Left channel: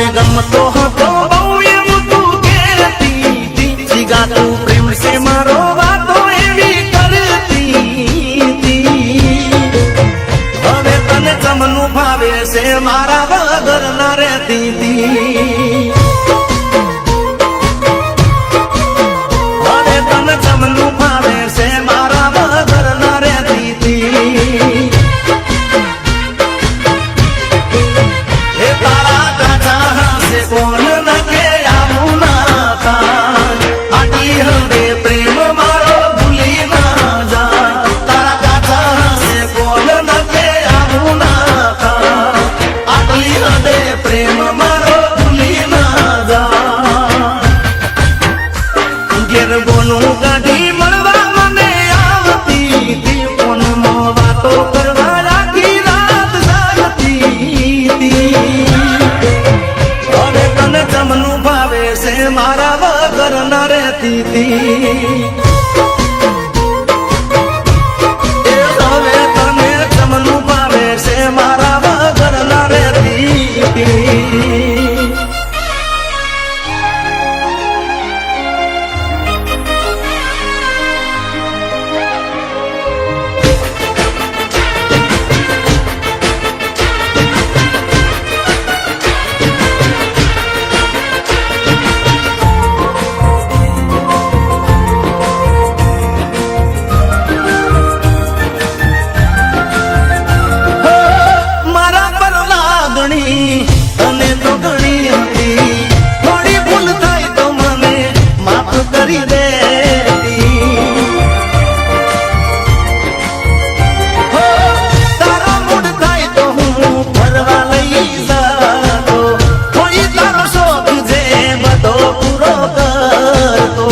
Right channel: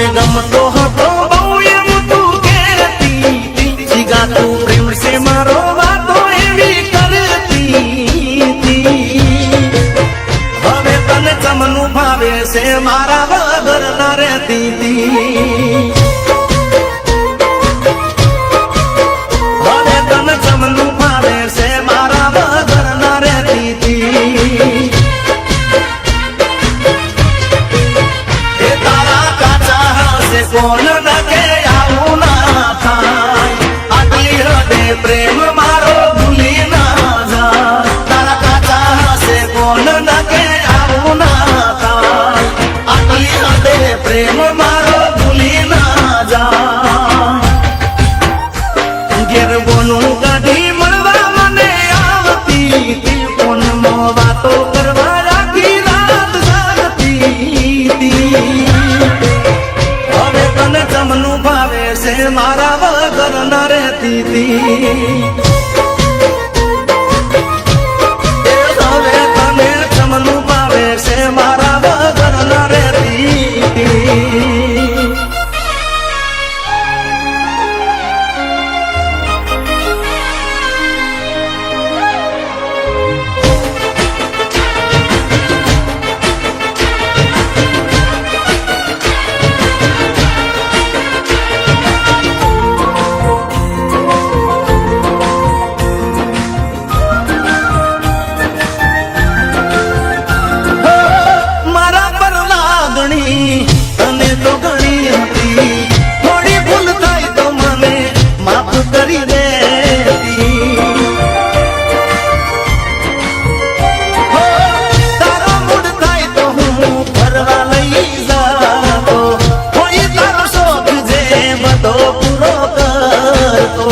મને ગમતો હતો બહુ એમ તું કહેતી જીગા તું પ્રેમ છે મારો વાતો એવી કરતી હવે તને ચમનું ભાવે છે મારા વગર ના રહેતી હવે તને ચમનું ભાવે છે મારા વગર ના રહેતી કોણ નકે આવું ના થાય આટલી હદે પ્રેમ મારો ભૂલી ના જા તારા કાચા હશે કોણ નકે આવું ના થાય આટલી હદે પ્રેમ મારો ભૂલી ના જા ઘેર બોનું કાઢી મળવા મને આવતી ફોનમાં વાતો કરવા આખી રાત જાગતી હવે તને ચમનું ભાવે છે મારા વગર ના રહેતી હવે તને ચમનું ભાવે છે મારા વગર ના રહેતી તને તો ઘણી હતી થોડી ભૂલ થાય તો મને માફ કરી દે તારો મૂડ થાય તો હું ફરવા લઈ જાતો કોઈ તારો શોખ જે બધો પૂરો કરતો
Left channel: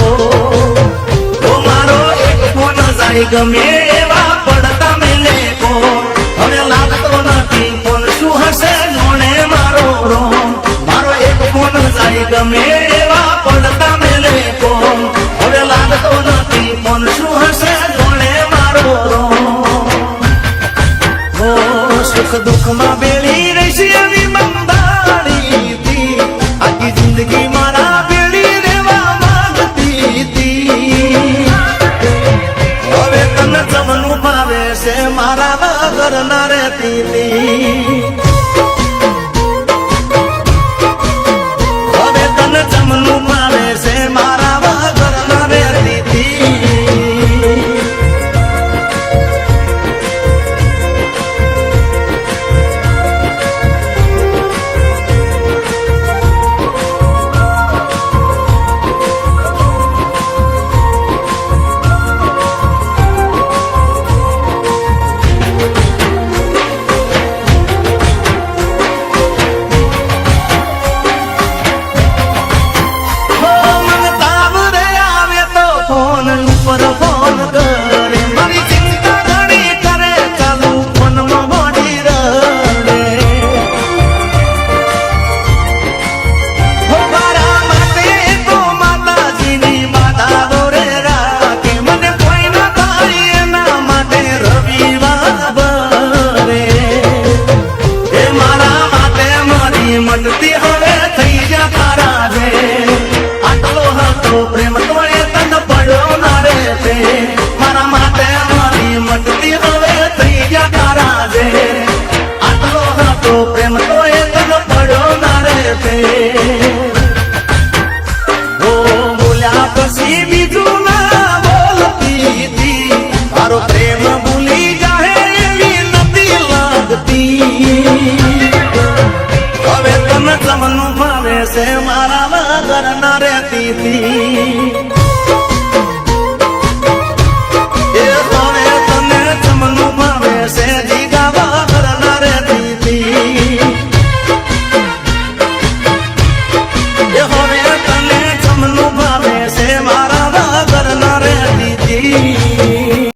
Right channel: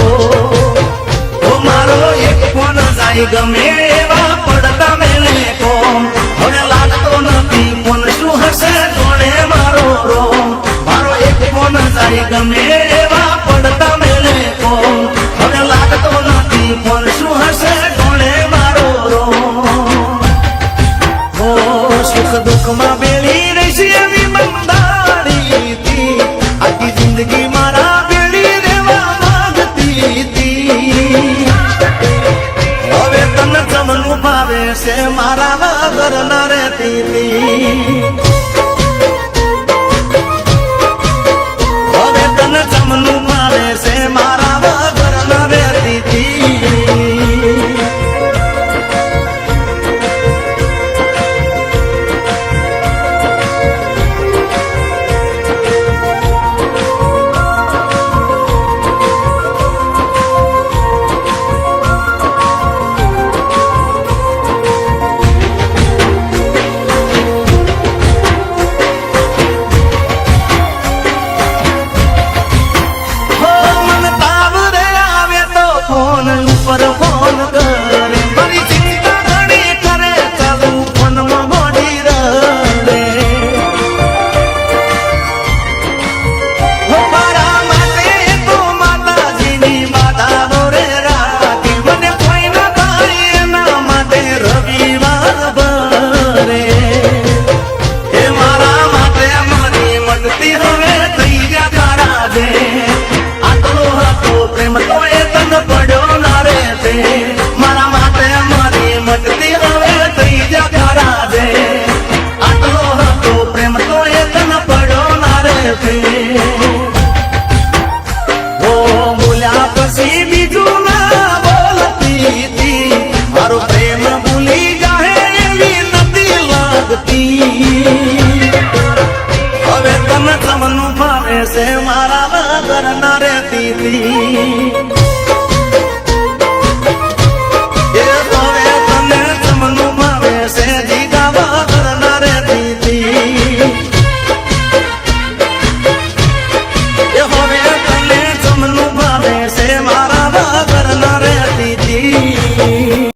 તો મારો એક ફોન જાય ગમે એવા પડતા મેલે કોણ હવે લાગતો નથી કોણ શું હશે મારો એક ફોન જાય ગમે એવા પડતા મેલે કોણ હવે લાગતો નથી ફોન શું હશે કોણે મારો સુખ દુઃખમાં બેળી રહેશે એવી બંધાણી આખી જિંદગી મારા બેળી રહેવા માંગતી હવે તને ચમનું ભાવે છે મારા વગર ના રહેતી તને ચમનું ભાવે છે મારા વગર ના રહેતી ફોન ઉપર ફોન કરે મારી ચિંતા ઘણી કરે ચાલુ ફોનમાં મોડી રહે મારા માટે તો માતાજીની બાધાઓ રે રાખે મને કોઈ ન થાય એના માટે રવિવાર ભરે એ મારા માટે મારી મનતી હવે થઈ ગયા તારા જે આટલો હતો પ્રેમ તો મારા માટે મારી મટતી હવે થઈ ગયા તારા જે આટલો હતો પ્રેમ તો એ તન પડ્યો ના રે ઓ બોલ્યા પછી બીજું ના બોલતી મારો પ્રેમ ભૂલી જાય એવી નથી લાગતી હવે તને ચમનું ભાવે છે મારા વગર ના રહેતી